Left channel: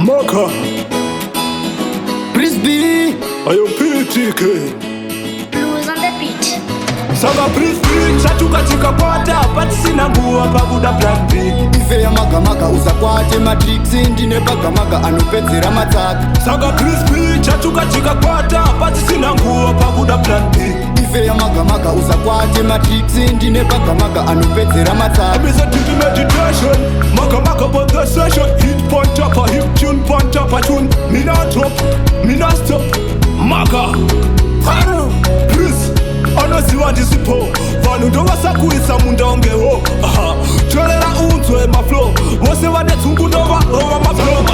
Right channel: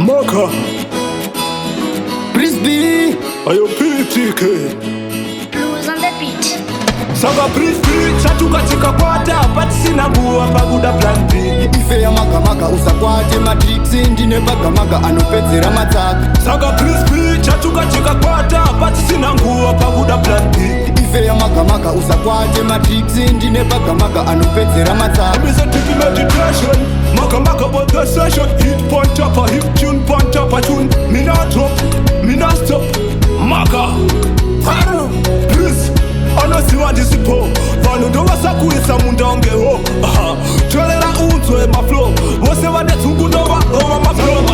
Maga Breezy, ayo PTK Blues on the beat. Sanga Breezy, Chatsvuka Chikakwata, but sina nguwa pakuda plan B. ife ya Maga Maga usakwate matrix ndine Maga Maga anopedzera matsaka. Sanga Breezy, Chatsvuka Chikakwata, but sina nguwa pakuda plan B. ife ya Maga Maga usakwate matrix ndine Maga Maga anopedzera matsaka. I'm a deep meditation, Maga Maga for the session. Hit point up a hip tune, point up a tune. Me not drop, me not stop. Maga, Breezy. Anosiwa ndisipo vanhu ndovasakuisa mundaongeho tolera unzwe maflow vose vane dzungu ndovarova maflow.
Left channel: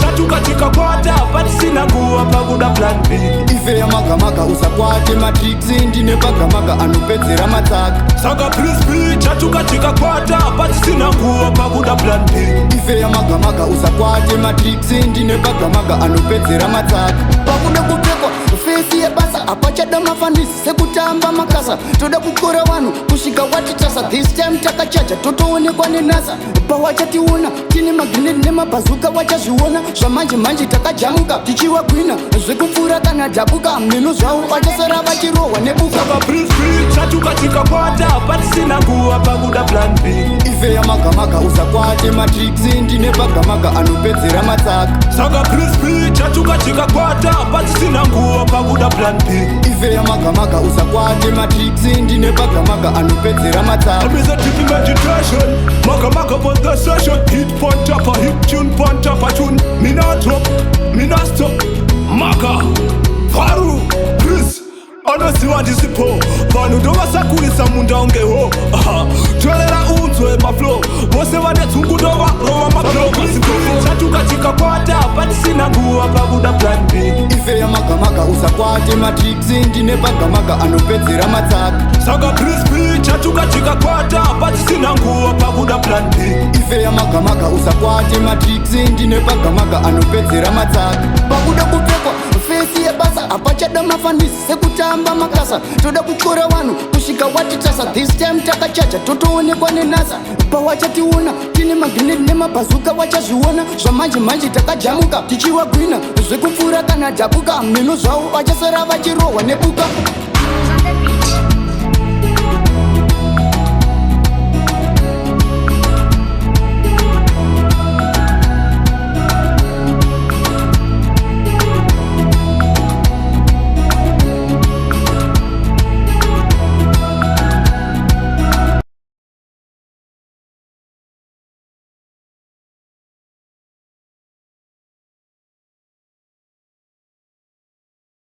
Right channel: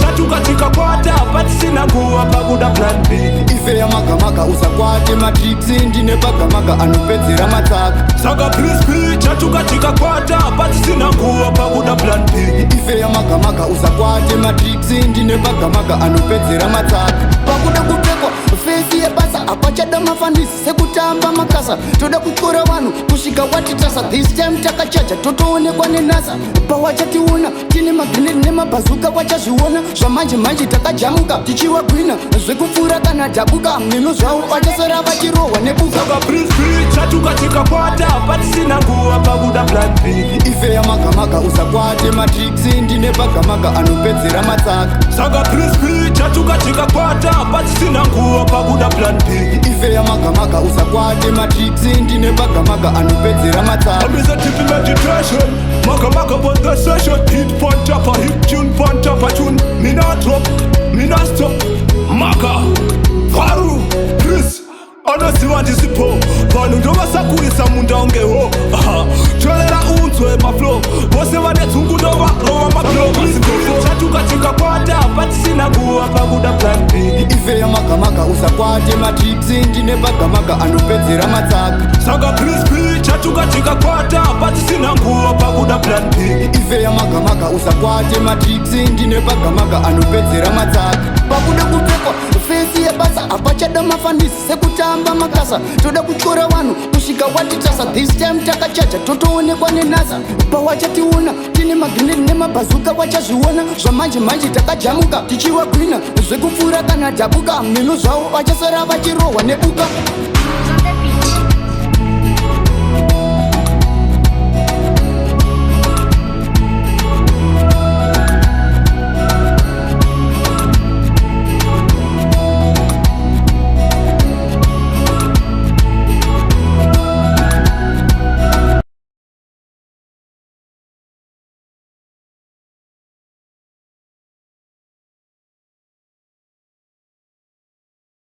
Chatsvuka Chikakwata but sina nguwa pakuda plan B. ife ya Maga Maga usakwate matrix ndine Maga Maga anopedzera matsaka. Sanga Breezy, Chatsvuka Chikakwata but sina nguwa pakuda plan B. ife ya Maga Maga usakwate matrix ndine Maga Maga anopedzera matsaka. pakuda kupfekwa fesi yebasa apachada mafandisi sekutamba makasa. toda kutyora vanhu kusvika watitasa. this time takachaja totoonekwa nenasa. pawachationa tine magrenedi nemabhazuka wachazviona. zvamanje manje takajamuka tichiwagwina zvekupfuura kana dhabuka. mhino zvavo vachasara vachirohwa nebuka. Sanga Breezy, Chatsvuka Chikakwata but sina nguwa pakuda plan B. ife ya Maga Maga usakwate matrix ndine Maga Maga anopedzera matsaka. Sanga Breezy, Chatsvuka Chikakwata but sina nguwa pakuda plan B. ife ya Maga Maga usakwate matrix ndine Maga Maga anopedzera matsaka. I'm a deep meditation, Maga Maga for the session. Hit point up a hip tune, point up a tune. Me not drop, me not stop. Maga, Breezy. Anosiwa ndisipo vanhu ndovasakuisa mundaongeho tolera unzwe maflow vose vane dzungu ndovarova maflow. Chatsvuka Chikakwata but sina nguwa pakuda plan B. ife ya Maga Maga usakwate matrix ndine Maga Maga anopedzera matsaka. Sanga Breezy, Chatsvuka Chikakwata but sina nguwa pakuda plan B. ife ya Maga Maga usakwate matrix ndine Maga Maga anopedzera matsaka. pakuda kupfekwa fesi yebasa apachada mafandisi sekutamba makasa. toda kutyora vanhu kusvika watitasa. this time takachaja totoonekwa nenasa. pawachationa tine magrenedi nemabhazuka wachazviona. zvamanje manje takajamuka tichiwagwina zvekupfuura kana dhabuka. mhino zvavo vachasara vachirohwa nebuka.